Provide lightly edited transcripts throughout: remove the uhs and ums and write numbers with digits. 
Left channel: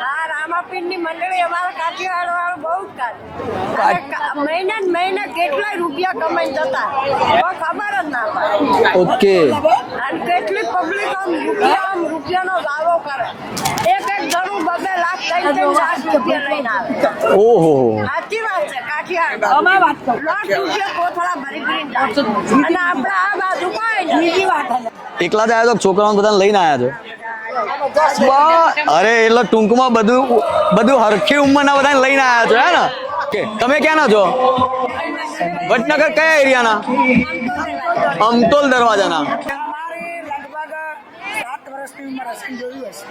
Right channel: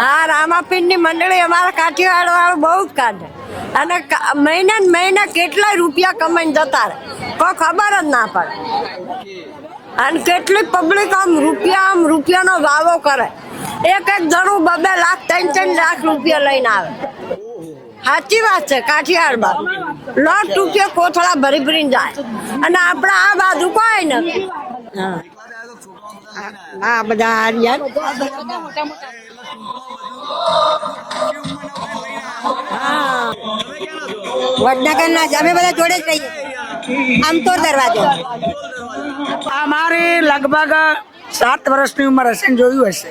હા, રામાપીરની મંડળી અમારા કાઠિયાવાડ વાળું બહુ જ કાઢે અને મહિના ને મહિના કેટલાય રૂપિયા કમાઈને જતા કોઈ ખબર જ ના પડે. ઓકે. અને કેટલી પબ્લિક આમ રૂપિયાનો દાવો કરે. એક જણું 2 લાખ 3 લાખ રૂપિયા લઈને આવે. ઓહો, સાચી વાત છે. કાઠિયાવાડ લાખ રૂપિયા કોથળા ભરીને જાય અને આપણા આ બાજુ કોઈ ને. એકલા જ આવ્યા તો છોકરાઓને બધાને લઈને આવ્યા હા, બધા છો? અરે એટલે ટૂંકમાં બધું હરખી ઉંમરના બધાને લઈને આવ્યા છો હે ને? તમે ક્યાંના છો? વડનગરના જ. અમે બધા જોડે વડનગર કયા એરિયાના? અમતોલ દરવાજા. અમતોલ દરવાજાના. અમારે લગભગ 7 વર્ષની ઉંમર હશે ને જોયું હશે.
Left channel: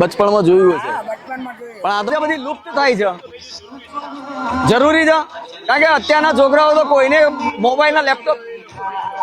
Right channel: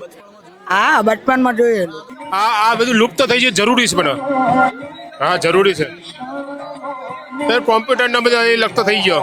બચપણમાં જોયું. હા, બચપનમાં જોયું. પણ આ તો બધી આ બધું લુપ્ત થઈ જાય જરૂરી છે પણ જરૂરી છે. હા, જરૂરી છે. કારણ કે અત્યારના છોકરાઓ તો કોઈને કોમ્પ્યુટર ને બધા એ લગતો થઈ ગયો.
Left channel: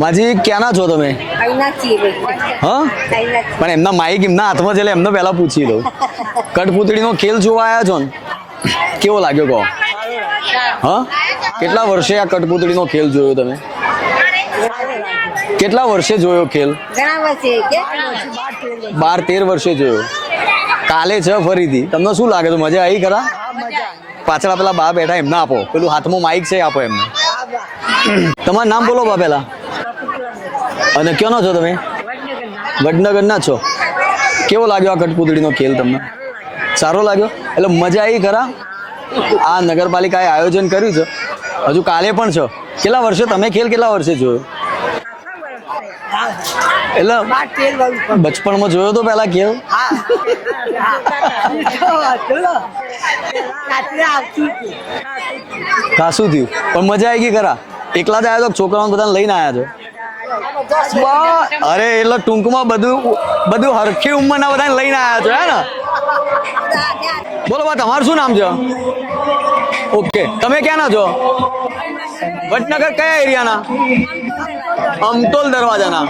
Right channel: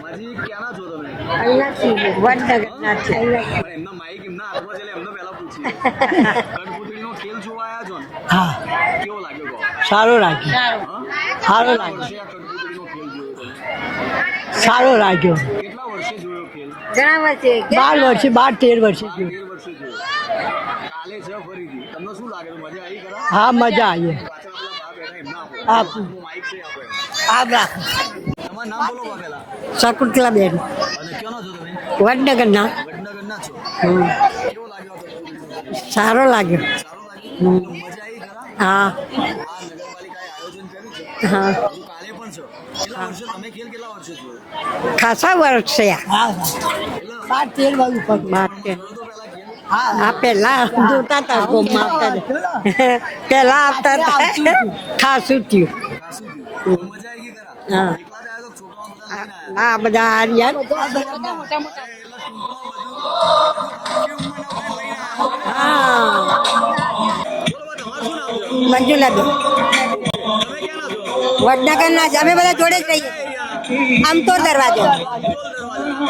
માજી ક્યાંના છો તમે? હા, પણ એમના માઈક એમના હાથમાં છે એટલે એમને પહેલા પૂછી દઉં. કઠપૂતળીનો ખેલ જોવા આવ્યા છો ને? કેવો લાગ્યો કહો? સારો લાગ્યો. હા, કેટલા વર્ષે આ કઠપૂતળીનો ખેલ જોયો તમે? સારો લાગ્યો. કેટલા વર્ષે જોયો ખેલ? 12 વર્ષે 12-13 વર્ષે જોયો. કાલે છે ફરીથી. તમને શું લાગે છે? મજા આવી ખરા? હા, મજા આવી. પાછળ પેલા બા બેઠા એમને આપો. પેલું હાથમાં માઈક છે આપો એમને. તમારું નામ બોલો બા પેલા. શકુંતલાબેન. અને ક્યાંનો છો તમે? વડનગરના. વડનગરના છો. કેવો લાગ્યો આ કઠપૂતળીનો ખેલ તમને? સારો લાગ્યો. સારો લાગ્યો? એટલે મજા આવી ખરા? હા. આ નગરપાલિકાએ આયોજન કર્યું છે. હજુ કાલે પણ છે. કેટલા વર્ષે તમે ખેલ કેટલા વર્ષે જોયો? ખાસા વર્ષ છે. એટલે બચપણમાં જોયો તો પેલા ખેલ? હા, પેલા જોતા હતા. પેલા ખાસું થયું. ખાસું થયું પણ મજા આવી ગઈ ખરા? એકલા જ આવ્યા તો છોકરાઓને બધાને લઈને આવ્યા હા, બધા છો? અરે એટલે ટૂંકમાં બધું હરખી ઉંમરના બધાને લઈને આવ્યા છો હે ને? બોલો બા, તમારું શું નામ છે? મંજુલાબેન. ઓકે. તમે ક્યાંના છો? વડનગરના જ. અમે બધા જોડે વડનગર કયા એરિયાના? અમતોલ દરવાજા. અમતોલ દરવાજાના.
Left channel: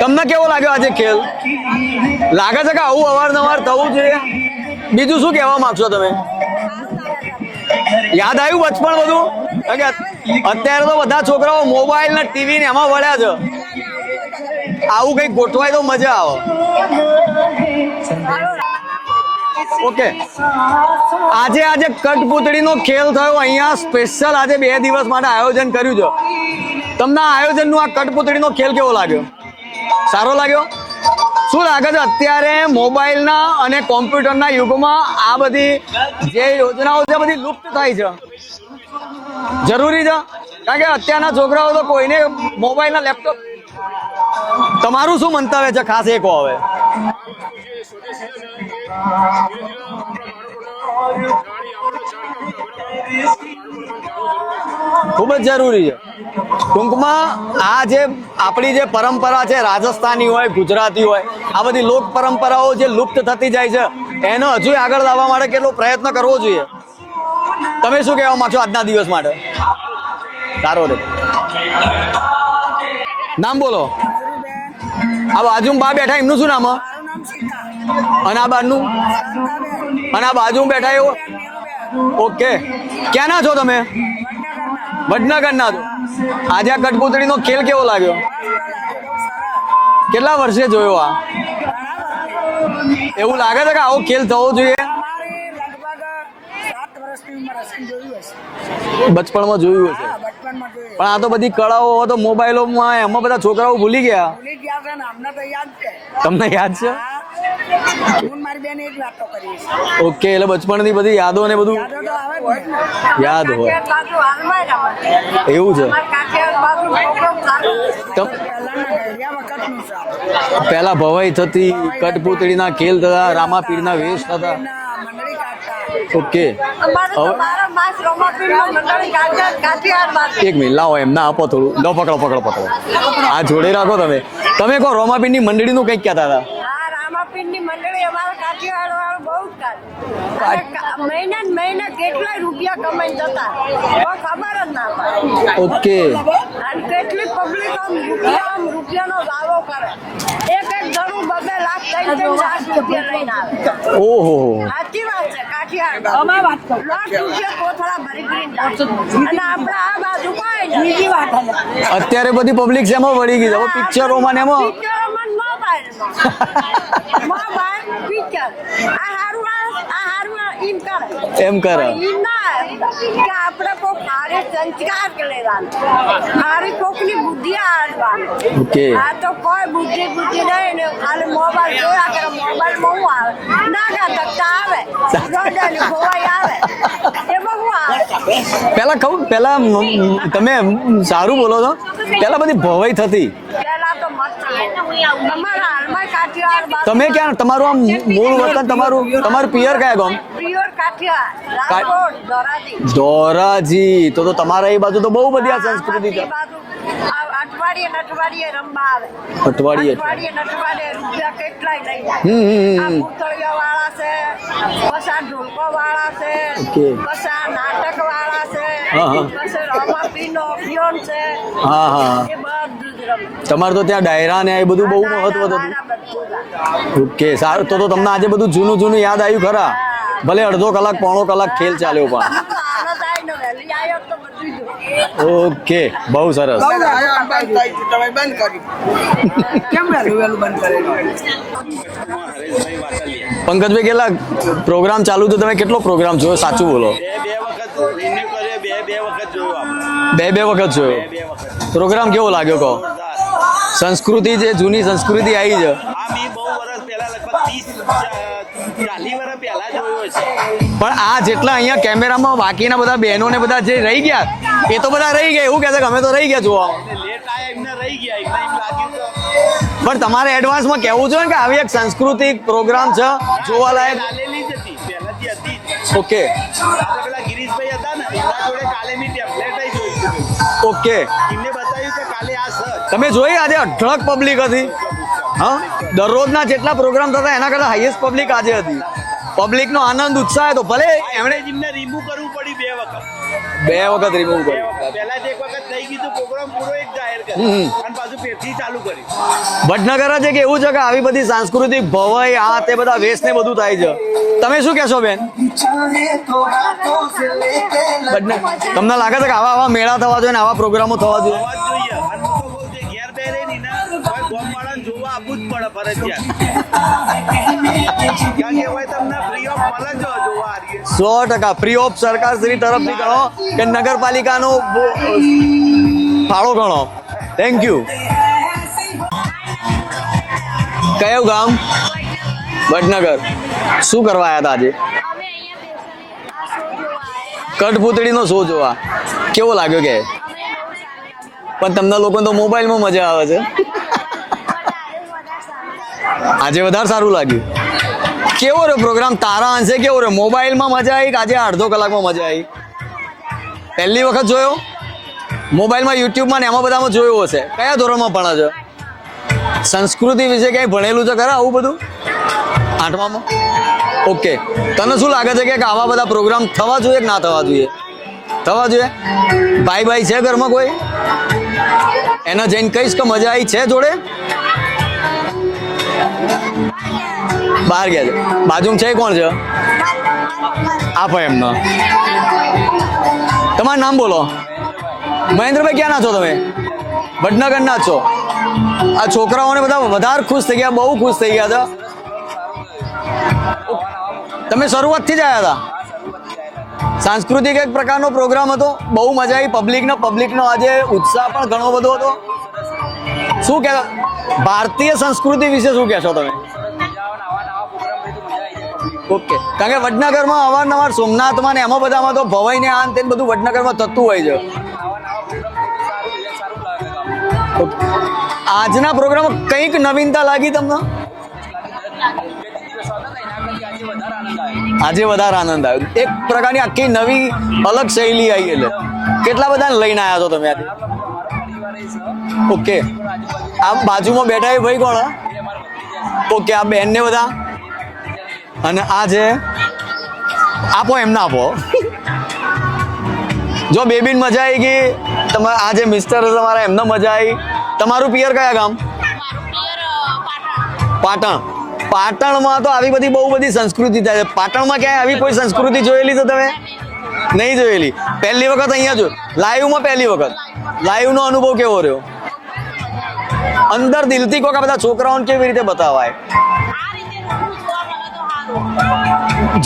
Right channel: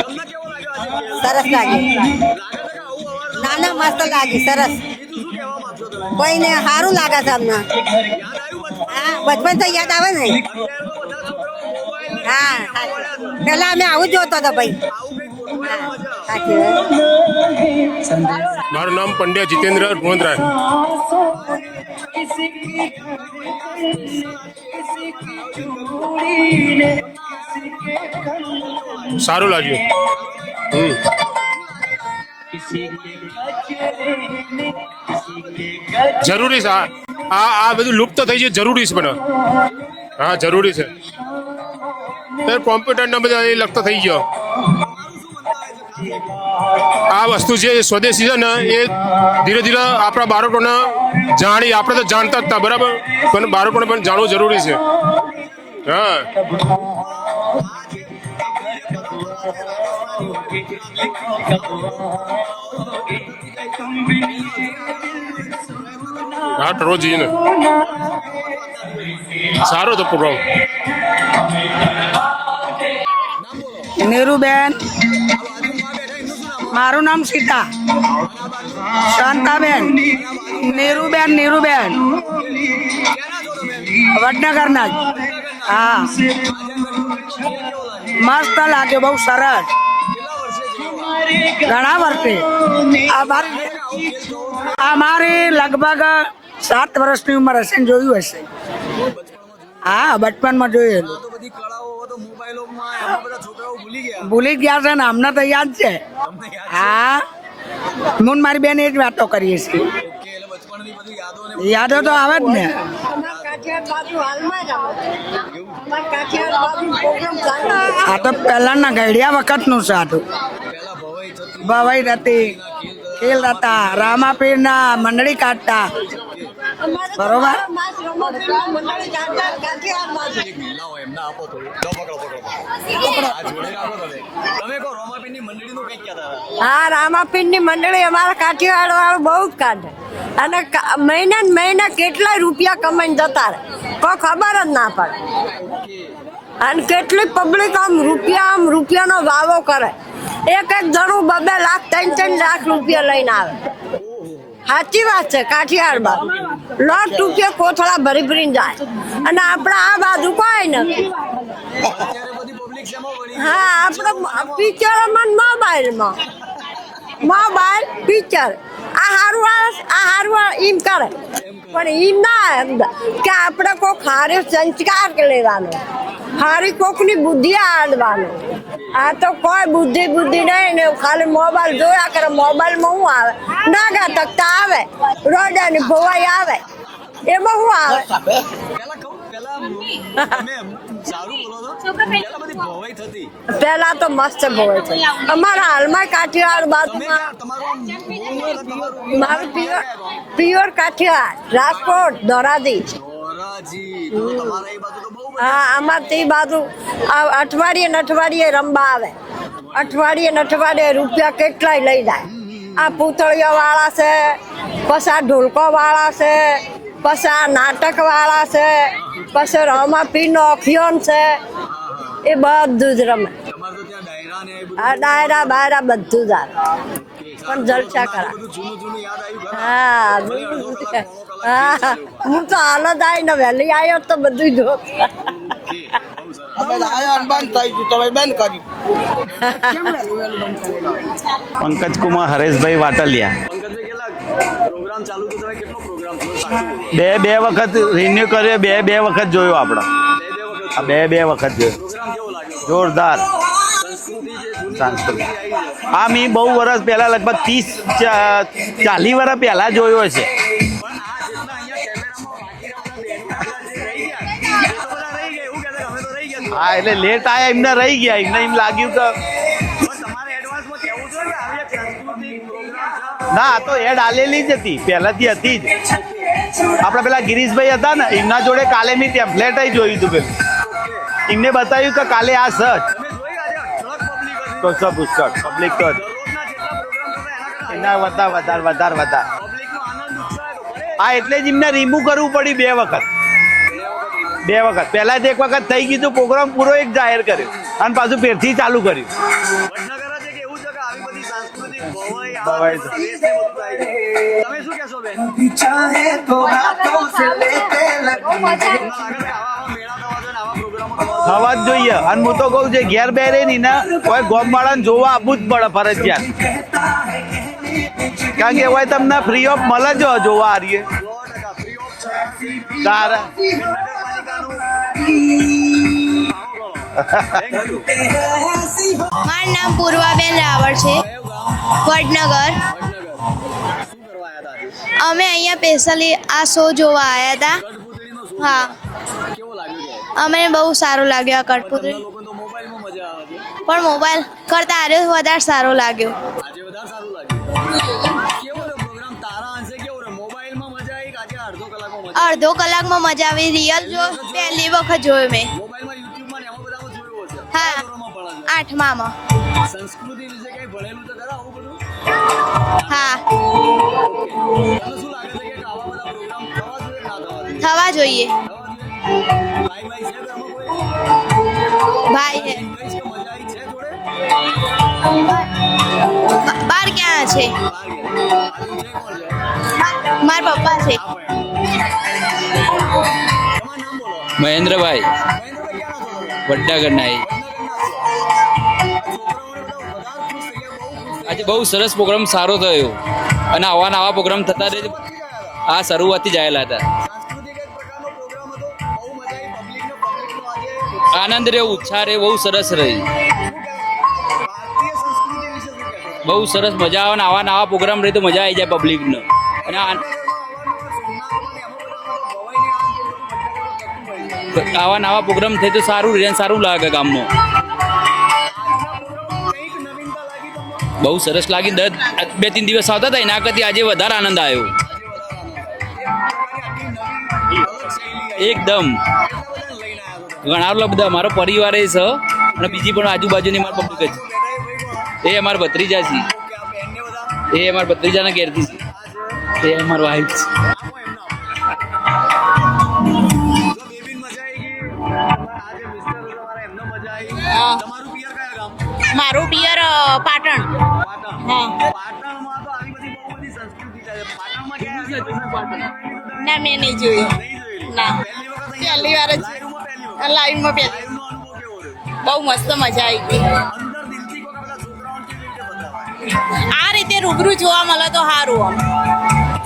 તમને કેવો લાગ્યો આજે ખેલ? સરસ લાગે. લાગે છે કે આવું અવારનવાર થવું મસ્ત જોઈએ? લાગે. સરસ. બીજું શું કહેવા માંગશો તમે? કોઈને સારું લાગે છે અમને. યાદ આવ્યું બચપણ બધું? બચપન તો યાદ આવે ને. અત્યારે તો બધા છોકરાઓ મોબાઈલ ને ટીવી ને એમાં વળ્યા છે. પેલા અમે આવું જોતો હતો ભાઈ. આવું કઈક ગોઠવાય તો મજા આવે. મારું નામ પંડ્યા જીતેન્દ્ર ગોંદરાય. આજે કઠપૂતળીનો ખેલ થયો અહીંયા સ્પેશિયલ આજે 2 દિવસ માટે આયોજન કર્યું છે. તમને આ આયોજનનું આ કઠપૂતળીનો ખેલ કેવો લાગ્યો? સારું લાગ્યું. સારો લાગ્યો? શું લાગે છે અત્યારે મોબાઈલના અને કોમ્પ્યુટરના યુગમાં આ બધી જે જરૂરી છે યોજનાઓ છે બધી આ બધું લુપ્ત લુપ્ત થઈ છે જરૂરી છે પણ જરૂરી છે હા, જરૂરી કારણ કે છે. અત્યારના છોકરાઓ તો કોઈને મોબાઈલ કોમ્પ્યુટર બધા એ લગતા થઈ ગયો. તમારું શું મંતવ્ય છે ખાસ એ કહો હવે આ વસ્તુ છે સ્વદેશી છે ને એ ધીરે ધીરે આપણા બાળકોને જાણી આપણે તો જાણતા જ હતા બરાબર પણ બાળકોને પણ જાણવું જરૂરી છે. ખૂબ જ જરૂરી છે હા ટૂંકમાં આ જે આપણી જે પરંપરા છે રાજસ્થાની હોય ગુજરાતી હોય આ બધી લોક પરંપરાઓ જે લુપ્ત થતી જાય છે એનો હજુ આગળ લાવવા માટે કેટલો પ્રયત્ન કરવો જોઈએ હા રોજ ને તમે શું કહેવા માંગશો આજના દિવસ માટે સારો હતો પ્રોગ્રામ. સારો રે નામ બોલો નીરુબેન, આ બાજુ બા બેઠા એમનું શું નામ મારું નામ સીતા. અને આ બાજુનું શાંતાબેન. અને આ બાજુ બેઠા એવું? નીરુબેન. ઓકે ક્યાં ના છો તમે વડનગરના જ. વડનગરના છો? હા. આજે આ કઠપૂતળીનો ખેલ કેવો લાગ્યો મસ્ત લાગ્યો, બહુ સરસ. કેટલા વર્ષે જોયો આ ઘણા વર્ષે એવું લાગે છે કે આવો ખેલ થવો જોઈએ અમારી લગભગ 7 વર્ષની ઉંમર હશે ને જોયું હશે. બચપણમાં જોયું હશે. હા, બચપનમાં જોયું. પણ આ તો બધી કળાઓ તો મોબાઈલોમાં એમાં બધા છોકરાઓ ભૂલી ગયા ભૂલી ગયા છે ને અમને તો યાદ છે. તમને યાદ છે હા, હું મારી બેન એ જ વાતો કરીએ છીએ. ઓકે એટલે બચપણની બધી યાદો ને બધું યાદો તો આવે જ ને. યાદ હોય બાજુ હાલમાં રમત. એવું છે અમારા કાઠિયાવાડ બાજુ પ્રોગ્રામ ચાલે. આ તો પહેલાના ઘડિયા વખતનું છે આ તો. પેલા ભવાઈ થતી ભવાઈ થતી. કઠપૂતળીના ખેલ થતા ખેલ હતા, રામાપીરના વેશ રામાપીરના મંડળી કાઢતા. થતા. ઓકે અમારે તો બારે માસ રમતની મંડળી કાઠિયાવાડ બાજુ. એક મિનિટ લાવો એમને આપો થોડું લો પકડો આ જોડે રાખો તમે કહો રોમાપીરની મંડળીનું કંઈક કહેતા હતા હા, રામાપીરની મંડળી અમારા કાઠિયાવાડ વાળું બહુ જ કાઢે અને મહિના ને મહિના કેટલાય રૂપિયા કમાઈને જતા રહે. કોઈ ખબર જ ના પડે ઓકે અને કેટલી પબ્લિક આમ રૂપિયાનો વાવો કરે. એક જણું 2 લાખ 3 લાખ રૂપિયા લઈને આવે. ઓહો સાચી વાત છે. કાઠિયાવાડ લાખ રૂપિયા કોથળા ભરીને જાય અને આપણા આ બાજુ કોઈ નથી. અત્યારે બધી પબ્લિક શેમાં વળી ગઈ છે હવે પિક્ચરોમાં ને એમાં પિક્ચરોમાં મોબાઈલ પિક્ચર આ હારું એમ કરે એમ કરે પણ ઈ ના કે આપણે કોક હારે સંસ્કાર લેવાનો હારી કોકની બુદ્ધિ આડવાનો. ઓકે આ તો કોઈ બુદ્ધિ નહીં ને ખાલી મોબાઈલ જોયા કરે. મોબાઈલમાં શું આવે નાગા તકતા આવે રોડે ને ભોવાઈ આવે એમાં શું આવે. પેલા તમે સારું બોલો છો પેલા બધી ભવાઈ થતી પેલા તો મસ્ત ભોવાઈ છે અમારા હાલમાં કાઠિયાવાડ બાજુ. તમે ક્યાં તમારું આમ મૂળ વતન તમારું પિયર કયા ગામ પ્યોર કાઠિયાવાડ રાજકોટ ધોરાજી તો તમારા એ બાજુ તો બહુ બધી આ સંસ્કૃતિ આમાંથી છે. બાજુ અઠવાડિયે ને અઠવાડિયે રમવા આવે. અઠવાડિયે રૂપિયા કેટલાય લઈ જાય. આ પૂતળીઓ વાળા છે, પછી આ ઢોલકો વાળા છે, Okay. પછી આ નાટક વાળા છે, હા. પછી રામાપીરનો અભિયાન છે. હા એ બધું જ રમે. તમારે તો ત્યાં ડાયરા ને એ બધું બહુ ડાયરા હતું. બાયરા બધું જ આવે. ઓકે સારું તો તમને આજે બધું જૂનું યાદ આવ્યું ખરા હા. ભલે અડધો કલાક પોણો કલાક ખેલ ચાલ્યો પણ હું તો હાલત આવીને વહેલી આવ્યો તો બધું જો. ઓકે બહુ સરસ કેમ વહેલું બંધ કરેલું? પંકજ કુમાર હરેશભાઈ વાટલિયા પંકજભાઈ કેટલા પ્રોગ્રામ ચાલુ તો તમે કેટલો પ્રોગ્રામ જોયો સાચું બોલો બે વખત રિન્યુ કર્યો, બે વખત જોયો આપણો, બે વખત જોયો બે વખત જોયો. પ્રોગ્રામ કેવો લાગ્યો કહો જોરદાર. સંસ્કૃતિ જે જૂની સંસ્કૃતિ આવી છે આ મેં બહુ વર્ષ પહેલા લગભગ 30-40 વર્ષ પહેલા જોયો છે. પણ આ જેટલા અહીંયા કેમેરામાં બાકીના બધા બહેનો ને બધા જે રહી ગયા એ તો બધા રહી ગયા એવું કહે છે કે અમે તો રહી ગયા હા, જોવા એટલે લેટ આયા એમને રહી ગયા, એમને એમ લાગ્યું કે પણ તમારે એડવાન્સમાં કહેવું જોઈએ ને કે આવી એક સાંસ્કૃતિક પ્રોગ્રામ છે ના જોવા એડ લાયક. આલેલી જ હતી, પહેલાથી હતી જ. ઓકે આપણે પેલા ગિરીશભાઈ હતા ને એમના જોડે કાલે મેં ટેમ્પલેટ જોયું હતું પેલું. ઓકે એમને બતાવ્યું કે કાલે આ સચ તમે જોઈ આજે અઢળક પબ્લિક હતી હા? દરરોજના જેટલા પ્રોગ્રામ થતા એના કરતા હાઈએસ્ટ પબ્લિક આજે હતી. વધારે પબ્લિક નો આનંદ ઉત્સાહ તો ભલે હા, એમણે જ એમને રિમૂવ કરવું પડ્યું 2 વખત. બે વખત રિમૂવ બે વખત પહેલા જ એક વખત થઈ ગયું હતું, પ્રોગ્રામ પૂરો એક જાહેર કર્યું અને પાછું ફેરથી ચાલુ કર્યું. વડનગર જ એક એવું છે કે આવી બધી સાંસ્કૃતિક ભવાઈ આ તે બધા વેશ ને બધું થાય છે તમે શું કહેશો બેન તમને લાગે છે કે આવા મેળા થવા જોઈએ ને આવા પ્રોગ્રામો થવા જોઈએ અવાજ જોઈએ. અને હું તો કહું છું ઘેર બેરે ની ને કોઈ ગોમ વાળાને જોવા આપવું જ પડે ફરજિયાત. કારણ કે હોય તમને ફ્રી ઓફ મળે જ જોવા હારીએ. 100% ફ્રી ઓફ સરકાર શ્રી તરફ કે નગરપાલિકાનો ફાળો ગણો ગણો. Thank you. મારું નામ પૂર્વાબેન રાવળ છે, કયું ગામ? વડનગર. વડનગર. શું કરવા આવ્યા હતા આજે? અમે અહીંયા સ્પેશિયલી આ શો જોવા આવ્યા હતા. કઠપૂતળીનો શો હા. જોવા કેવો લાગ્યો કે? અમને બહુ સારું લાગ્યું આ પણ તમને કઠપૂતળી. લોકોને તો મોબાઈલમાં મજા આવે છે. પણ મોબાઈલ કરતા આજે વધારે સારું લાગ્યું. આજે વધારે સારું લાગ્યું. કેવો રહ્યો પ્રોગ્રામ? તારા અંશે કેવો રહ્યો? મોબાઈલમાં મજા આવી કે આજે અડધો કલાકમાં મજા આવી? અડધો કલાકમાં મજા આવી. રિયલ પહેલી વખત જોયો? પહેલી વખત જોયો મેં. મોબાઈલમાં યુટ્યુબમાં ને એમાં બધામાં જોયું હશે. કયા ધોરણમાં ભણો છો? 8મામાં. સંસ્કૃતિ વિશે ક્યાંય ભણેલું છે ખરા આવું બધું? 8મામાં. ઓકે. તને શું લાગે છે કે આવા બધા પ્રોગ્રામ થવા જોઈએ કે ના થવા જોઈએ? થવા જોઈએ. થવા જોઈએ. ભાઈ છે ઘરમાં કોઈ? ભાઈ એને જઈને કહીશ કે મજા આવી છે જોડે? બાર ક્યાં છે? બહાર ગયા છે. બાજુમાં છે કોણ છે? મારા પપ્પા છે. આપો એમનો. તમારું નામ બોલો. મહેન્દ્રભાઈ મહેન્દ્રભાઈ ક્યાં ના છો તમે? વડનગરના એ. વડનગરના જ છો. આ છોકરાઓને બધા વધારે ખુશ થઈ ગયા, બહુ ખુશ થઈ ગયા બહુ હતા. સરસ પ્રોગ્રામ સારો થયો અને આવા નવા પ્રોગ્રામ તમે શરૂઆતથી જ આવ્યા હતા? આ શરૂઆતથી જ આવેલા હતા. સાંસ્કૃતિક એક પ્રકારનો પ્રોગ્રામ હતો, બહુ મજા આવી. પબ્લિકનો આજે ઉત્સાહ આનંદ પણ રે ઘણો બધો ઉત્સાહ રે હતો. બહુ સરસ રહી. શું કહેવા ભારતીય સંસ્કૃતિ વિશે શું કહેશો તમે? બહુ સરસ મજા આવે ને આવા નવા પ્રોગ્રામ રહી તો મજા આવી જાય પબ્લિક. કારણ કે વડનગરમાં અવારનવાર સોમનાથમાં ને એમાં બધામાં તો ભવાઈ ને આન તેન બધું વડનગરમાં થતું હોય છે. આવા નવા પ્રોગ્રામ થાય તો સારું રહે અને સારું લાગે ગામમાં. આજના પ્રોગ્રામમાં કંઈક નવીનતા લાગી તમને? બહુ સરસ લાગી. 2-3 દિવસ આવતા હતા એના કરતી આજે વધારે આનંદ આવ્યો. આજે વધારે આનંદ આવ્યો. એક પ્રકારની આખી નવી અલગ શૈલી આવી. એકદમ. કેટલા બધાને લઈને આવ્યા છો તમે? ઘણા બધા અમારો પરિવાર એ છે. ઓકે. બીજી પણ આજુબાજુની આ બાજુમાં બેઠા એ ભાઈ કોણ? એ અમારા ભત્રીજા છે. ઓકે. આ બેન ને બધા? એ અમારા ભત્રીજાના ઘેરથી છે. અને આ છે? એ અમારો વાઈફ છે. આપો એમને આપો. જો બેબીન મજા આવી ગઈ. તમારા આ જે મિસ્ટર તમારા એમને મજા આવી. તમારું પિયર કયા ગામ? મારું પિયર પાટણ. પાટણ. પાટણમાં તો આવી બધી બહુ બધી સંસ્કૃતિ થાય છે. પાટણમાં ક્યાંય આવી કોઈ સંસ્કૃતિ જોયેલી છે તમે? ના, મેં નહીં જોયું. નહીં જોયેલી. પહેલી વખત અહીંયા જો પહેલી વાર જ. લાઈવમાં પહેલી વખત. લાઈવમાં પહેલી. લાઈવ નો અનુભવ કેવો રહ્યો? બહુ મસ્ત મજા આવી ગઈ. અંદર દિલથી કોક આ બધા છોકરાઓને કેવી રીતે બતાવાય? આ રીતે રૂબરૂ જોવા મળે તો સારું.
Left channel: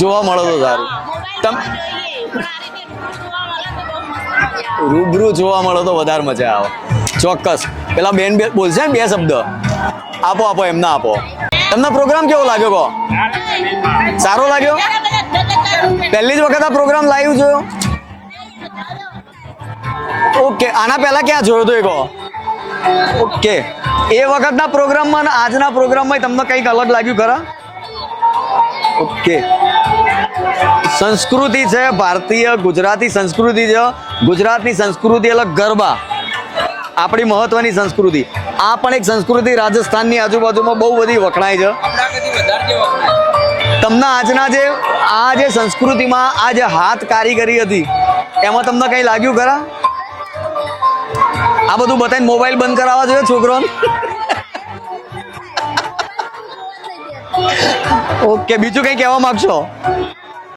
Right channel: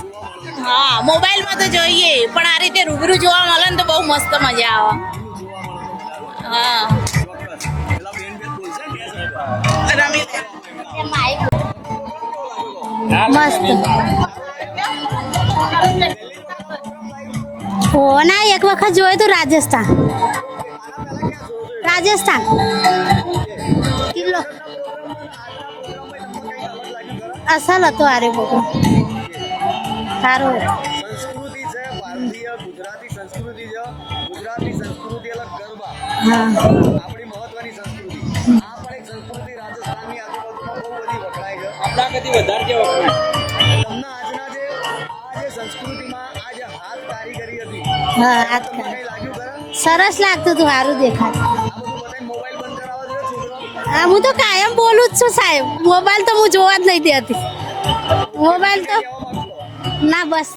જોવા મળે તો સારું. હા, મોબાઈલમાં તો જોઈએ પણ આ રીતે રૂબરૂ જોવા મળે ને તો બહુ મસ્ત મજા આવે. રૂબરૂ જોવા મળે તો વધારે મજા આવે. હા. ચોક્કસ. પેલા બેન બોલશે ને બે શબ્દ. આપો આપો એમને આપો. તમને પ્રોગ્રામ કેવો લાગ્યો કહો? સારો લાગ્યો? પહેલી જ વખત આ પ્રોગ્રામ લાઈવ જોયો? ના, એક વખત જોયું હતું રાજસ્થાન. ઓકે. આના પહેલા ક્યાં જોયો તો? રાજસ્થાન. ઓકે. એ વખતના પ્રોગ્રામમાં અને આજના પ્રોગ્રામમાં તમને કંઈક અલગ લાગ્યું ખરા? અસલ હતો આરે ઓકે. સારું. સંસ્કૃતિ છે ભારતીય ગુજરાતી સંસ્કૃતિ છે. ગુજરાતની સંસ્કૃતિ અલગ ગરબા, આપણી મહત્વની સંસ્કૃતિ. આ પણ એક સંસ્કૃતિ રાજસ્થાનની આજુબાજુમાં બહુ બધી વખણાય છે. આપણા કરતી વધારે જે વખણાય. તમને આજના જે સંસ્કૃતિમાં આ જે હાથ કારીગરી હતી એમાં તમને કઈ લાગ્યું ખરા? સરસ લાગતું હતું. સારું દેખાય. આ બધું બતાવીને મોબાઈલ બંધ કરાવવા જોઈએ છોકરોને? હું તો કાયમ બોલું જ છું સાહેબ. મોબાઈલ તો હું જોવા જ નહીં દેતી. ઓકે. બીજું કઈ કહેવા માંગશો? ના, બસ.